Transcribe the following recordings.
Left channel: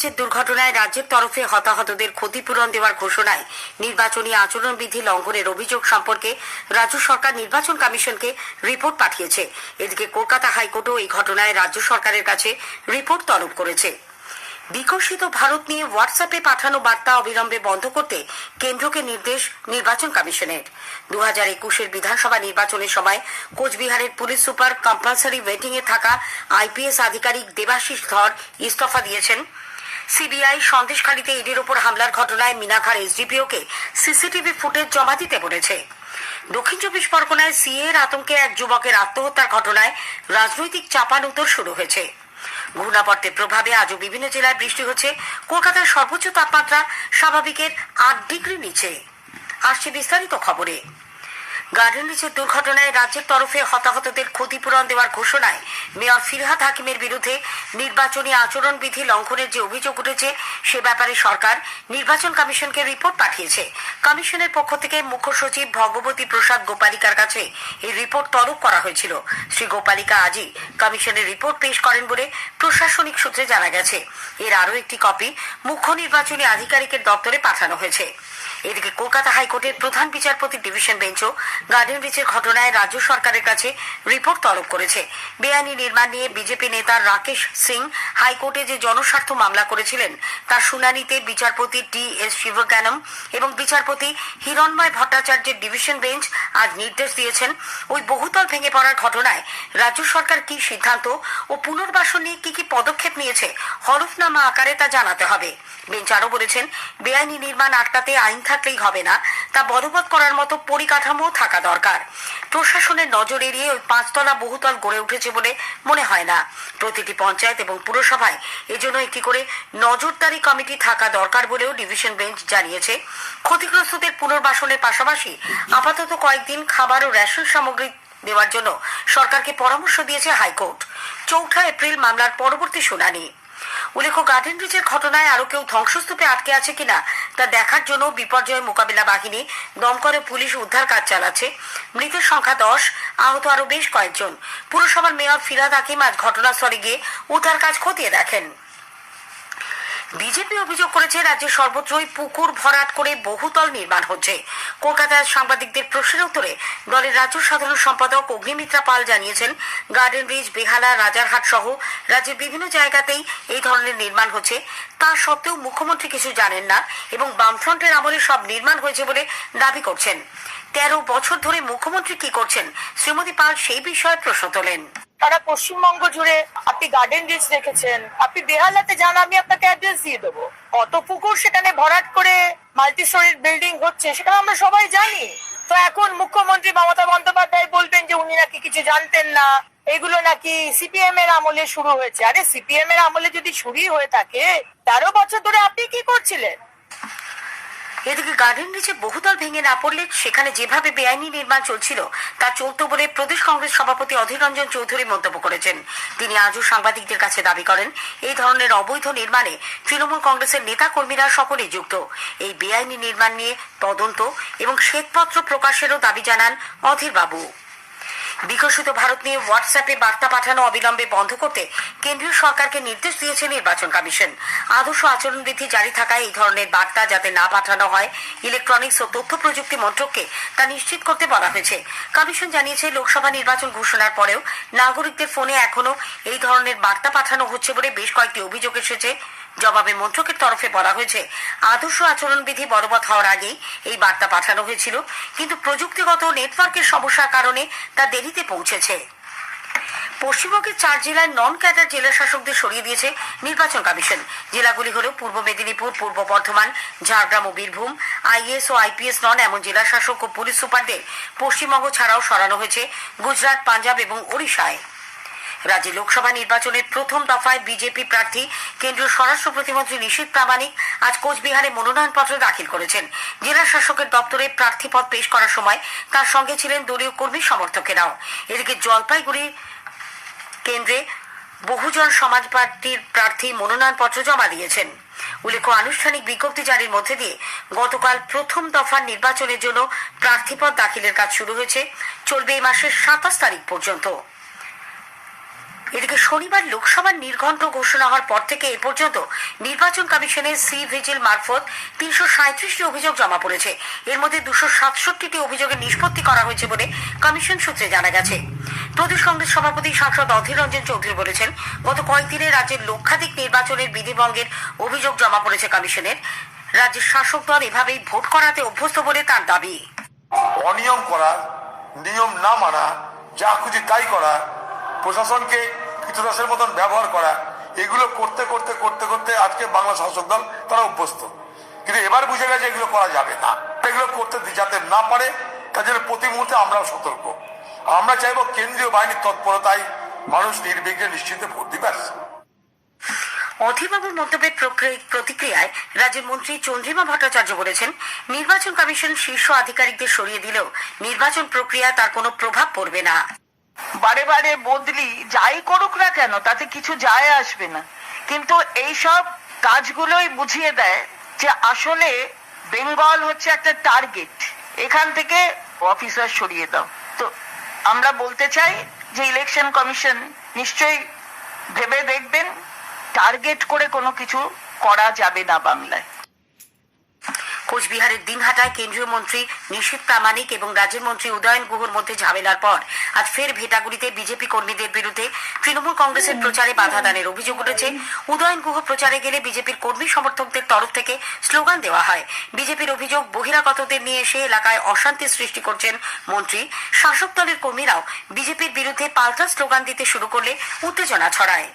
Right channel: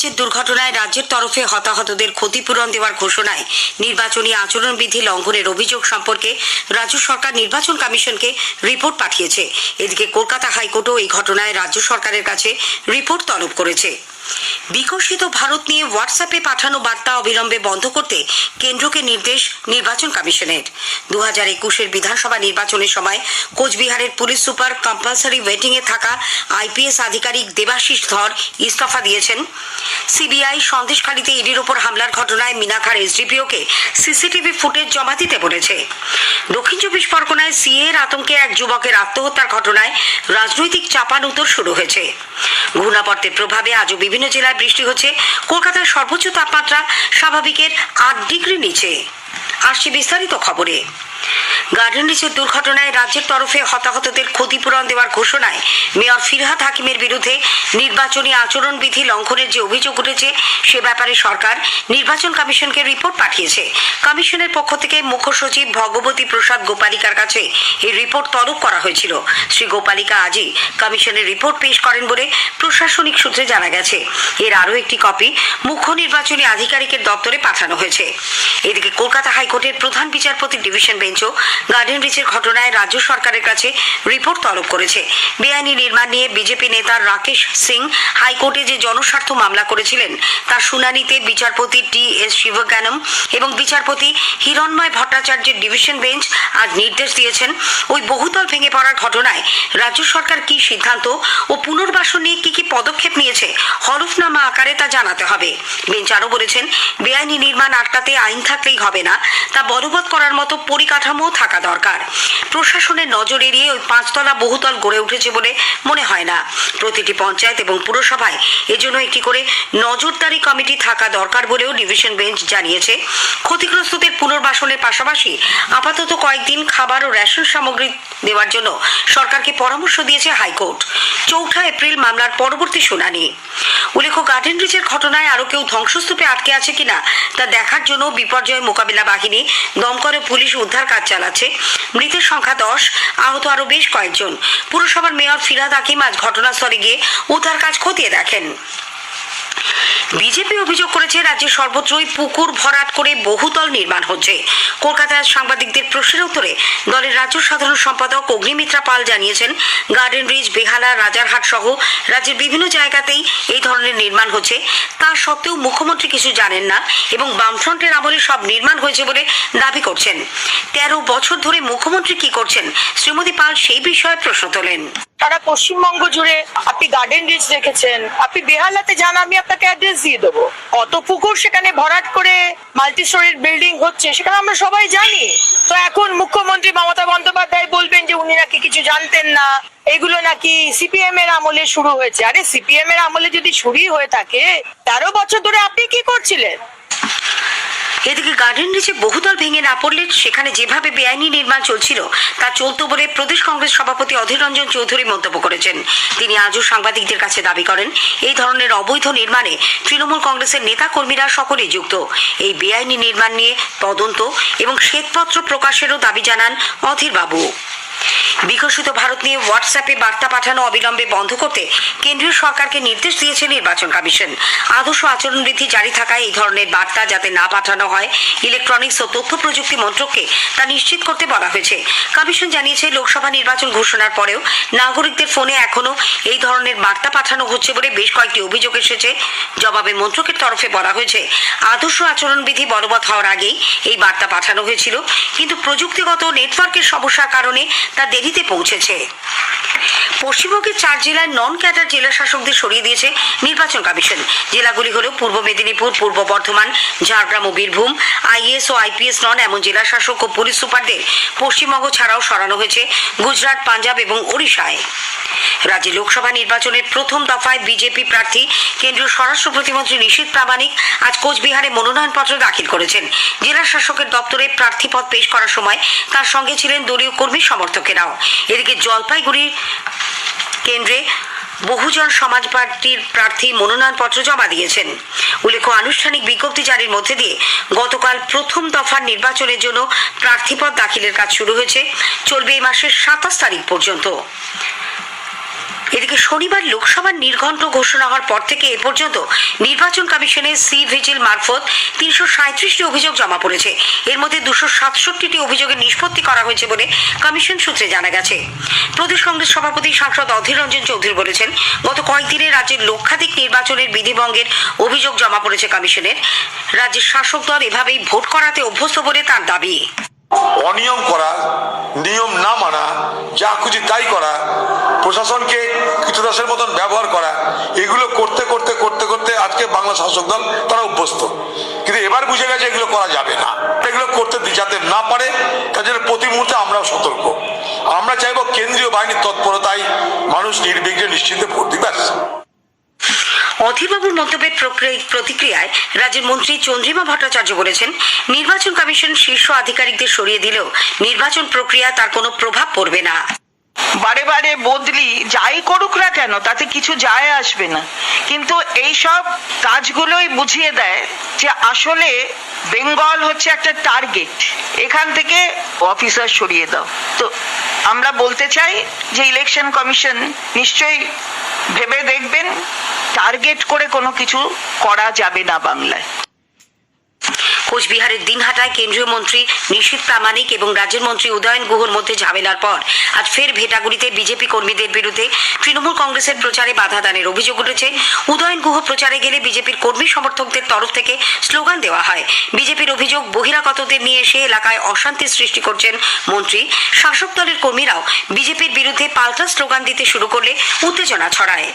ব্রিজের দুর্ঘটনায় রাজ্যের তরফে হতাহতদের ক্ষতিপূরণ দেওয়ার ঘোষণায় নির্বাচনী আচরণবিধি লঙ্ঘনের অভিযোগ সম্পর্কে রাজ্য সরকার নির্বাচন কমিশনকে রিপোর্ট পাঠিয়েছে। এদিকে কলকাতা হাইকোর্টও এই ঘটনায় রাজ্য সরকারের কাছে রিপোর্ট তলব করেছে। বিকশিত ভারত নিয়ে হোয়াটসঅ্যাপে পাঠানো বার্তা অবিলম্বে বন্ধ করতে কেন্দ্রকে নির্দেশ নির্বাচন কমিশনের। 2021-এর বিধানসভা নির্বাচনের সময় কোচবিহারের পুলিশ সুপার কম্পালসারি ওয়েটিংয়ে থাকা আইপিএস আধিকারিক দেবাশিস ধর ইস্তফা দিয়েছেন। সিবিআই সন্দেশখালীতে ইডির ওপর হামলার ঘটনায় মিনাখার এসডিপিওকে সিসিটিভি ফুটেজ জমা দিতে বলেছে। দক্ষিণ 24 পরগনায় সিএর আতঙ্কে এক যুবকের আত্মহত্যার ঘটনায় রাজনৈতিক চাপানুতর শুরু হয়েছে। ঘূর্ণাবর্তের প্রভাবে আজও বিভিন্ন জেলায় বৃষ্টি হচ্ছে। কলকাতার সর্বোচ্চ তাপমাত্রা স্বাভাবিকের 8 ডিগ্রি নিচে। আসছে বিস্তারিত খবরে। গার্ডেন রিচের দুর্ঘটনায় রাজ্যের তরফে হতাহতদের ক্ষতিপূরণ দেওয়ার ঘোষণায় মেয়র ফিরহাদ হাকিমের বিরুদ্ধে নির্বাচনী আচরণবিধি লঙ্ঘনের যে অভিযোগ উঠেছে সে ব্যাপারে সরকার নির্বাচন কমিশনকে রিপোর্ট পাঠিয়েছে। কমিশনের পক্ষ থেকে মুখ্য সচিব ভগবতী প্রসাদ গোপালিকার কাছে এই রিপোর্ট তলব করা হয়েছিল। শ্রী গোপালিকা আজই কমিশনের রিপোর্ট পেশ করেন বলে প্রশাসনিক সূত্রে জানা গেছে। এর আরও একটি কপি মুখ্য নির্বাচনী আধিকারিকের দপ্তরে পাঠানো হয়েছে। এদিকে কলকাতা হাইকোর্টের প্রধান বিচারপতির ডিভিশন বেঞ্চও গার্ডেন রিচের ঘটনায় রাজ্য সরকারের কাছে রিপোর্ট তলব করেছে। বেআইনি নির্মাণ নিয়ে বিজেপি নেতা রাকেশ সিং হাইকোর্টে যে জনস্বার্থ মামলা করেছিলেন তার শুনানিতে বিচারপতি টি.এস. শিবজ্ঞানম এবং বিচারপতি হিরণময় ভট্টাচার্যের ডিভিশন বেঞ্চ আজ নির্দেশ দিয়েছেন ওই বহুতল ভেঙে পড়ার ঘটনায় রাজ্য সরকার কি সিদ্ধান্ত ও পুনর্বাসন নিয়ে কি পদক্ষেপ নিয়েছে হলফনামা আকারে তা জানাতে হবে। বেঞ্চ আরও বলেছেন, বেআইনি নির্মাণ আটকাতে আইন থাকলেই হবে না, তা বলবৎ করার মতো পরিকাঠামো থাকা দরকার। প্রশাসনের নজর এড়িয়ে ওই 5 তলা বহুতল গড়ে উঠেছে বলে মনে হয় না। প্রতিটি পঞ্চায়েত এবং পুরসভায় এজন্য একটি করে নজরদারি কমিটি থাকা দরকার বলেও ডিভিশন বেঞ্চ জানিয়েছে। ক্ষতিগ্রস্তদের পুনর্বাসনের পাশাপাশি আপাতত কয়েকদিন খাবার ও রেশন সামগ্রী দেওয়ার জন্য সরকারকে পরামর্শ দিয়েছে হাইকোর্ট। 4 এপ্রিল মামলার পরবর্তী শুনানি। উল্লেখ্য, গার্ডেন রিচের ঘটনায় আরও কেউ ধ্বংসস্তূপে আটকে আছে কিনা তা দেখার জন্য বিপর্যয় মোকাবিলা বাহিনী, দমকল ও পুলিশ উদ্ধার কাজ চালাচ্ছে। মৃতের সংখ্যা 10, আহত আরও বেশ কয়েকজন। পুরসভার মেয়র ফিরহাদ হাকিম আজ ঘটনাস্থলে গিয়ে উদ্ধার কাজ খতিয়ে দেখেন। বিজেপি অভিযোগ করেছে রাজ্যের সর্বত্রই পুকুর ভরাট করে বহুতল নির্মাণ হচ্ছে। কলকাতায় সাংবাদিকদের প্রশ্নের উত্তরে দলের রাজ্য সাধারণ সম্পাদক অগ্নিমিত্রা পাল জানিয়েছেন, গার্ডেন রিচ, বেহালা, রাজারহাট সহ রাজ্যের বিভিন্ন জায়গাতেই এই ধরনের নির্মাণ হচ্ছে। তা সত্ত্বেও মুখ্যমন্ত্রী কিছু জানেন না এবং বামফ্রন্টের আমলে সব নির্মাণ হয়েছে বলে দাবি করছেন। 13 বছর ধরে মুখ্যমন্ত্রী কি করছেন, শ্রীমতী পাল সেই বিষয়ে প্রশ্ন তোলেন। সারা পশ্চিমবঙ্গ জুড়ে আপনি গার্ডেন রিচ দেখেছেন, আপনি বেহালাতে যান, আমি আপনাকে অ্যাড্রেস দিয়ে দেবো। কত পুকুর সেখানে ভরাট করে মাল্টি স্টোরির বিল্ডিং হচ্ছে সেখানে আমরা সবাই জানি। তো এখন মুখ্যমন্ত্রী মমতা বন্দ্যোপাধ্যায় বলবেন যে উনি নাকি কিছু জানতেন না, এগুলো নাকি সিপিএম এর আমলে শুরু হয়েছে। আরে সিপিএম এর আমলে যদি শুরুই হয়ে থাকে 13 বছর ধরে আপনি কি করছিলেন? এদিকে গার্ডেন রিচে বহুতল ভেঙে না পড়লে সেখানে যেভাবে বেআইনি নির্মাণ চলছিল তা চলত বলে প্রদেশ কংগ্রেস সভাপতি অধীর রঞ্জন চৌধুরী মন্তব্য করেছেন। তিনি আজও সাংবাদিকদের কাছে দাবি করেন, এই ধরনের অবৈধ নির্মাণে তৃণমূল কংগ্রেসের নেতা কর্মীরা সকলেই যুক্ত। এই বেআইনি নির্মাণ নিয়ে তদন্ত এবং শ্বেতপত্র প্রকাশেরও দাবি জানান অধীর বাবু। বিকশিত ভারত নিয়ে হোয়াটসঅ্যাপে বার্তা পাঠানো অবিলম্বে বন্ধ করতে কেন্দ্রীয় সরকারকে নির্দেশ দিয়েছে নির্বাচন কমিশন। আদর্শ আচরণবিধি জারি থাকায় এই ধরনের বার্তা যাতে না পাঠানো হয়, ইলেকট্রনিক্স ও তথ্য প্রযুক্তি মন্ত্রককে তা নিশ্চিত করতে বলা হয়েছে। কমিশন জানিয়েছে, লোকসভা নির্বাচন ঘোষণার পরেও নাগরিকদের ফোনে এখনো এই ধরনের বার্তা পাঠানো হচ্ছে বলে বেশ কয়েকটি অভিযোগ এসেছে। জবাবে মন্ত্রকের তরফে বলা হয়েছে, আদর্শ আচরণবিধি বলবৎ হওয়ার আগেই এই বার্তা পাঠানো হয়েছিল, কিন্তু প্রযুক্তিগত নেটওয়ার্কের সমস্যার কারণে তা দেরিতে পৌঁছেছে। পশ্চিমবঙ্গের 4 জেলায় নন ক্যাডার জেলা শাসকদের সরিয়ে দিয়েছে নির্বাচন কমিশন। জেলাগুলি হল পূর্ব মেদিনীপুর, পূর্ব বর্ধমান, ঝাড়গ্রাম ও বীরভূম। আইএএস ও আইপিএস নন এমন জেলা শাসক ও পুলিশ সুপারদের পশ্চিমবঙ্গ ছাড়াও সরানো হয়েছে গুজরাট, পাঞ্জাব এবং ওড়িশায়। রাজ্যে লোকসভা নির্বাচনের প্রথম দফায় বিজেপি প্রার্থী কেন্দ্রীয় স্বরাষ্ট্র প্রতিমন্ত্রী নিশীথ প্রামাণিক আজ কোচবিহারে মনোনয়নপত্র দাখিল করেছেন। জেলা শাসকের দপ্তরে প্রার্থীপদ পেশ করার সময় তার সঙ্গে ছিলেন দলীয় কর্মী সমর্থকেরাও। এদিকে জলপাইগুড়ি কেন্দ্রে বহুজন সমাজ পার্টির প্রার্থী মনোনয়নপত্র জমা দিয়েছেন। উল্লেখ্য, আনুষ্ঠানিক বিজ্ঞপ্তি জারির মধ্যে দিয়ে গতকাল প্রথম দফার নির্বাচনের জন্য প্রার্থীপদ দাখিলের কাজ শুরু হয়েছে, চলবে এই মাসের 27 তারিখ পর্যন্ত। এদিকে শনিবার লোকসভার নির্ঘণ্ট ঘোষণা হওয়ার পর থেকে এ পর্যন্ত নির্বাচন কমিশনের সি ভিজিল মারফত 337টি অভিযোগ জমা পড়েছে। এর মধ্যে 267টি অভিযোগের নিষ্পত্তি করা হয়েছে বলে কমিশন সূত্রে জানা গেছে। প্রদেশ কংগ্রেস সভাপতি সাংসদ অধীর রঞ্জন চৌধুরী বলেছেন, গত কয়েকদিনে রাজ্যের লক্ষাধিক নির্বাচনের বিধিভঙ্গের অভিযোগ জমা পড়েছে কমিশনের। রাজ্যের শাসক দল এভাবেই ভোট করাতে অভ্যস্ত বলে তার দাবি। অনিয়ম করা, নিয়ম না মানা, যা খুশি তাই করা, প্রশাসনকে কৃতদাসের মতন ব্যবহার করা, এগুলো করতে করতে করতে করতে আজকে বাংলা শাসক দল তারা অভ্যস্ত। কিন্তু এবার বুঝে গেছে এগুলো করা যাবে না, এগুলো করতে যাতে না পারে তার জন্য প্রতি মুহূর্তে আমরাও সতর্ক। আমরা চাইবো কেন্দ্রীয় বাহিনীর তৎপরতায় মানুষ নির্বিঘ্নে নিশ্চিন্তে ভোট দিবে। অধীরবাবুর মন্তব্যের প্রতিক্রিয়ায় রাজ্যের মন্ত্রী চন্দ্রিমা ভট্টাচার্য বলেছেন, নির্বাচন কমিশন শীর্ষ আধিকারিকদের সরিয়ে দিলেও নির্বাচন প্রক্রিয়া তার কোনো প্রভাব পড়বে না। বারে বারে বদলি যাই করুক না কেন তাতে কিছু যায় আসবে না, কিন্তু এই সব কাজগুলোই বুঝিয়ে দেয় যে আসলে বেঙ্গল হচ্ছে একটা টার্গেট, এখান থেকে অফিসার সরিয়ে দাও। তো আমরা বলতে চাই যে ইলেকশন কমিশন নিশ্চয়ই ভেবে দেখবেন, টার্গেট করে কোনো কিছু করা যাবে না বাংলায়। কোচবিহারের দিনহাটায় কেন্দ্রীয় মন্ত্রী নিশীথ প্রামাণিক এবং রাজ্যের মন্ত্রী উদয়ন গুহর মধ্যে ঝামেলার পর আজ ফের ভেটাগুড়িতে বিজেপি কর্মীদের বিরুদ্ধে তৃণমূল কংগ্রেসের প্রচারে বাধা দানের অভিযোগ উঠেছে। উদয়ন গুহ প্রচারে গেলে বিজেপির কর্মী সমর্থকদের তরফ থেকে স্লোগান দেওয়া হয়। বিজেপির অভিযোগ, বহিরাগতদের নিয়ে এসে এলাকায় অশান্তি সৃষ্টি করছেন মন্ত্রী। শাসক দলের কর্মীরাও বিজেপির বিরুদ্ধে পাল্টা স্লোগান দিতে শুরু করলে উত্তেজনা ছড়ায়।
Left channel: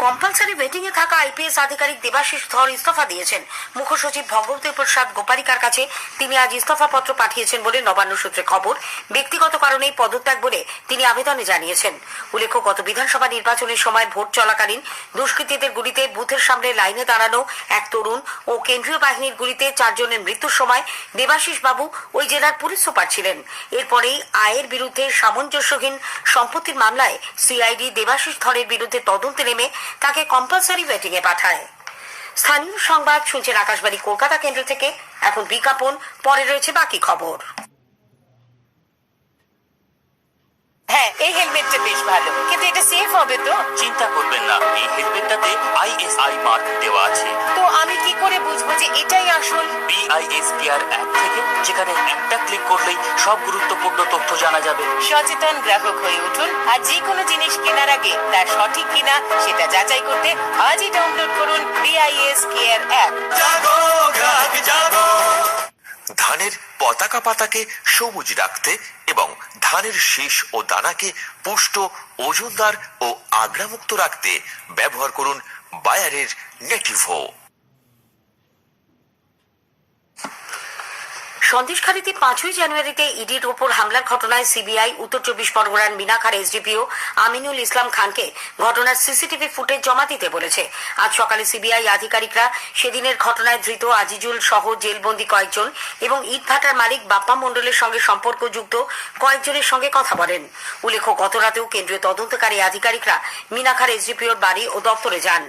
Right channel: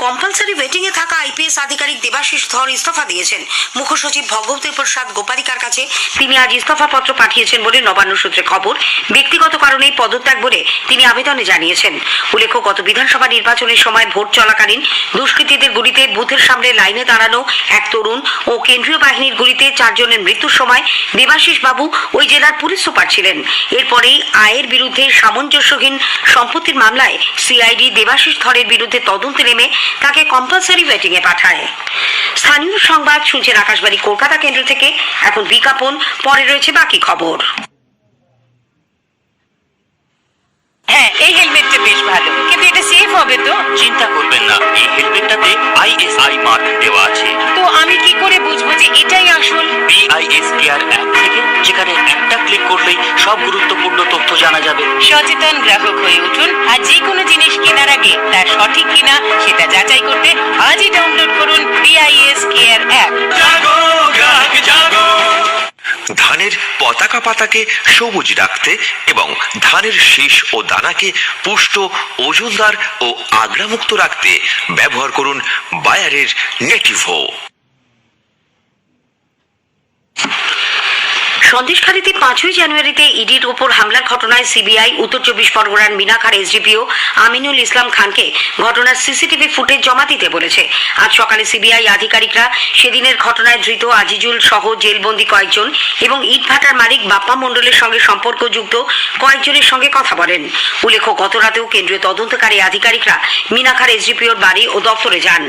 কম্পালসারি ওয়েটিং এ থাকা আইপিএস আধিকারিক দেবাশিস ধর ইস্তফা দিয়েছেন। মুখ্যসচিব ভগবতী প্রসাদ গোপালিকার কাছে তিনি আজ ইস্তফা পত্র পাঠিয়েছেন বলে নবান্ন সূত্রে খবর। ব্যক্তিগত কারণেই পদত্যাগ বলে তিনি আবেদনে জানিয়েছেন। উল্লেখ্য, গত বিধানসভা নির্বাচনের সময় ভোট চলাকালীন দুষ্কৃতীদের গুলিতে বুথের সামনে লাইনে দাঁড়ানো এক তরুণ ও কেন্দ্রীয় বাহিনীর গুলিতে 4 জনের মৃত্যুর সময় দেবাশিস বাবু ওই জেলার পুলিশ সুপার ছিলেন। এরপরেই আয়ের বিরুদ্ধে সামঞ্জস্যহীন সম্পত্তির মামলায় সিআইডি দেবাশিস ধরের বিরুদ্ধে তদন্তে নেমে তাকে কম্পালসারি ওয়েটিং এ পাঠায়। স্থানীয় সংবাদ শুনছেন আকাশবাণী কলকাতা কেন্দ্র থেকে। এখন বিজ্ঞাপন, পরে রয়েছে বাকি খবর। হ্যাঁ, এই হেলমেটটা বেশ ভালো, কিন্তু এটা সেফ হবে তো? চিন্তা করবেন না, এই হেলমেটটাতে আইএসআই মার্ক দেওয়া আছে। তো আমি কি করে বুঝবো যে এটাই আসল? বিআইএস কেয়ার অ্যাপ থেকে, যেখানে একটা ক্লিক করলেই সব গুরুত্বপূর্ণ তথ্য জানা যাবে। সচেতন গ্রাহক হয়ে উঠুন, আর যে কোনো জিনিস কেনার আগে তার সঠিক কিনা সেটা যাচাই করতে আজই ডাউনলোড করুন বিআইএস কেয়ার অ্যাপ। ধানের পতাকা পাতাকে সবুজ রাখতে এবং ধানের শীষ ও দানাকে পুষ্ট, ওজনদার ও আগ্রামুক্ত রাখতে ব্যবহার করুন বায়ারের নেটিভো। সন্দেশখালীতে 5ই জানুয়ারিতে ইডির ওপর হামলার ঘটনায় সিবিআই উত্তর 24 পরগনার মিনাখার এসডিপিও আমিনুল ইসলাম খানকে ঘটনার সিসিটিভি ফুটেজ জমা দিতে বলেছে। আজ সকালে সিবিআই আধিকারিকরা সেদিনের ঘটনায় ধৃত আজিজুল সহ জেলবন্দি কয়েকজন এবং ইটভাটার মালিক বাপ্পা মণ্ডলের সঙ্গে সম্পর্কযুক্ত কয়েকজনের সঙ্গে কথা বলেন। উল্লেখ্য, গত রাতেও কেন্দ্রীয় তদন্তকারী আধিকারিকরা মিনাখার এসডিপিওর বাড়ি ও দপ্তরে যান।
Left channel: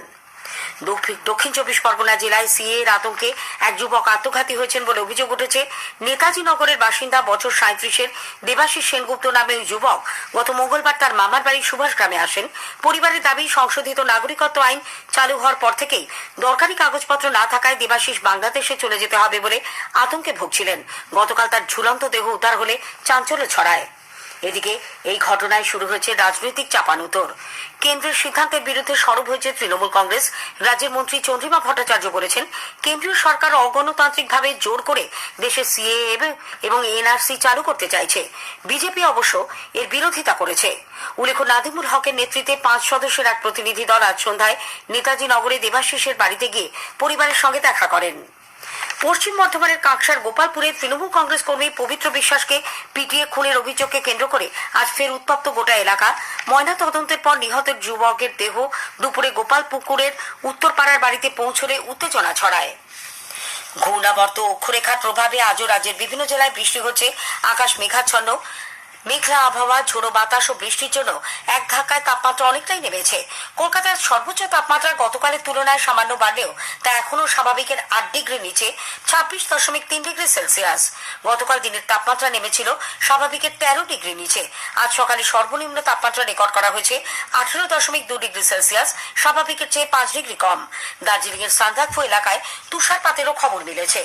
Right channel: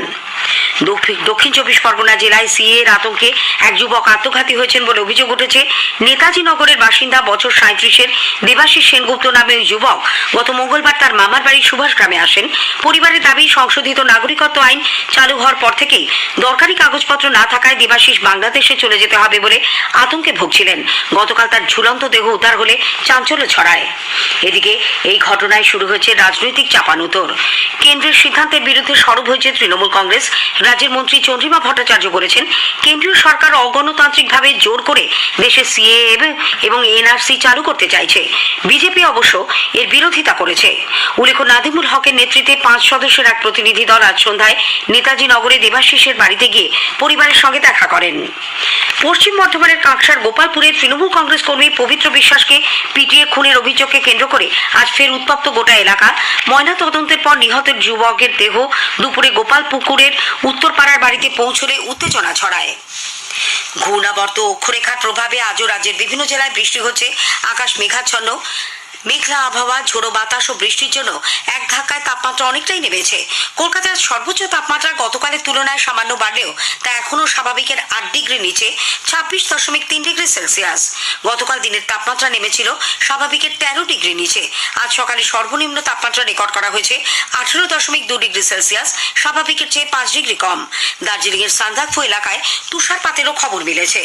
দক্ষিণ 24 পরগনা জেলায় সিএ এর আতঙ্কে এক যুবক আত্মঘাতী হয়েছেন বলে অভিযোগ উঠেছে। নেতাজি নগরের বাসিন্দা বছর 37-এর দেবাশিস সেনগুপ্ত নামে ওই যুবক গত মঙ্গলবার তার মামার বাড়ি সুভাষ গ্রামে আসেন। পরিবারের দাবি, সংশোধিত নাগরিকত্ব আইন চালু হওয়ার পর থেকেই দরকারি কাগজপত্র না থাকায় দেবাশিস বাংলাদেশে চলে যেতে হবে বলে আতঙ্কে ভুগছিলেন। গতকাল তার ঝুলন্ত দেহ উদ্ধার হলে চাঞ্চল্য ছড়ায়। এদিকে এই ঘটনায় শুরু হয়েছে রাজনৈতিক চাপানুতর। কেন্দ্রের সিদ্ধান্তের বিরুদ্ধে সরব হয়েছে তৃণমূল কংগ্রেস। রাজ্যের মন্ত্রী চন্দ্রিমা ভট্টাচার্য বলেছেন, কেন্দ্রীয় সরকার অগণতান্ত্রিকভাবে জোর করে দেশে সিএএ এবং এনআরসি চালু করতে চাইছে। বিজেপি অবশ্য এর বিরোধিতা করেছে। উল্লেখ্য, নাদিমুল হকের নেতৃত্বে 5 সদস্যের এক প্রতিনিধি দল আজ সন্ধ্যায় নেতাজি নগরে দেবাশিসের বাড়িতে গিয়ে পরিবারের সঙ্গে দেখা করেন। পশ্চিম বর্ধমানের কাঁকসার গোপালপুরে তৃণমূল কংগ্রেস কর্মী পবিত্র বিশ্বাসকে পিটিয়ে খুনের অভিযোগকে কেন্দ্র করে আজ ফের উত্তপ্ত গোটা এলাকা। ময়না তদন্তের পর নিহতের যুবকের দেহ দুপুরে গোপালপুকুরের উত্তরপাড়ার বাড়িতে পৌঁছলে উত্তেজনা ছড়ায়। ঘূর্ণাবর্ত অক্ষরেখার প্রভাবে আজও রাজ্যের বিভিন্ন জেলায় বৃষ্টি হচ্ছে। আকাশ মেঘাচ্ছন্ন। মেঘলা আবহাওয়া, ঝোড়ো বাতাস ও বৃষ্টির জন্য এক ধাক্কায় তাপমাত্রা অনেকটাই নেমেছে। কলকাতার সর্বোচ্চ তাপমাত্রা গতকালের তুলনায় সামান্য বাড়লেও তা এখনও স্বাভাবিকের 8 ডিগ্রি নিচে 26.3 ডিগ্রি সেলসিয়াস। গতকাল দিনের তাপমাত্রা নেমেছিল স্বাভাবিকের 13 ডিগ্রি নিচে। আজ সকালে সর্বনিম্ন তাপমাত্রা রেকর্ড করা হয়েছে 18.2 ডিগ্রি সেলসিয়াস, স্বাভাবিকের চেয়ে 5 ডিগ্রি কম। দার্জিলিং এর সান্দাকফু এলাকায় তুষারপাতেরও খবর মিলেছে।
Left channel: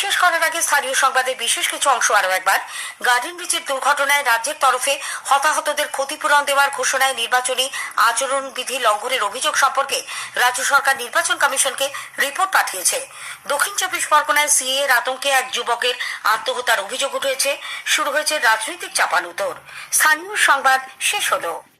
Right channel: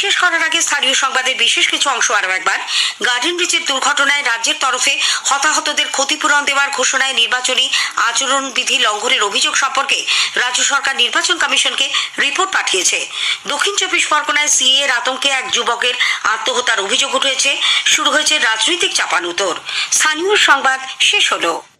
শেষ করার আগে স্থানীয় সংবাদের বিশেষ কিছু অংশ আরও একবার। গার্ডেন রিচের দুর্ঘটনায় রাজ্যের তরফে হতাহতদের ক্ষতিপূরণ দেওয়ার ঘোষণায় নির্বাচনী আচরণবিধি লঙ্ঘনের অভিযোগ সম্পর্কে রাজ্য সরকার নির্বাচন কমিশনকে রিপোর্ট পাঠিয়েছে। দক্ষিণ 24 পরগনায় সিএ এর আতঙ্কে এক যুবকের আত্মহত্যার অভিযোগ উঠেছে। শুরু হয়েছে রাজনৈতিক চাপানুতোর। স্থানীয় সংবাদ শেষ হলো।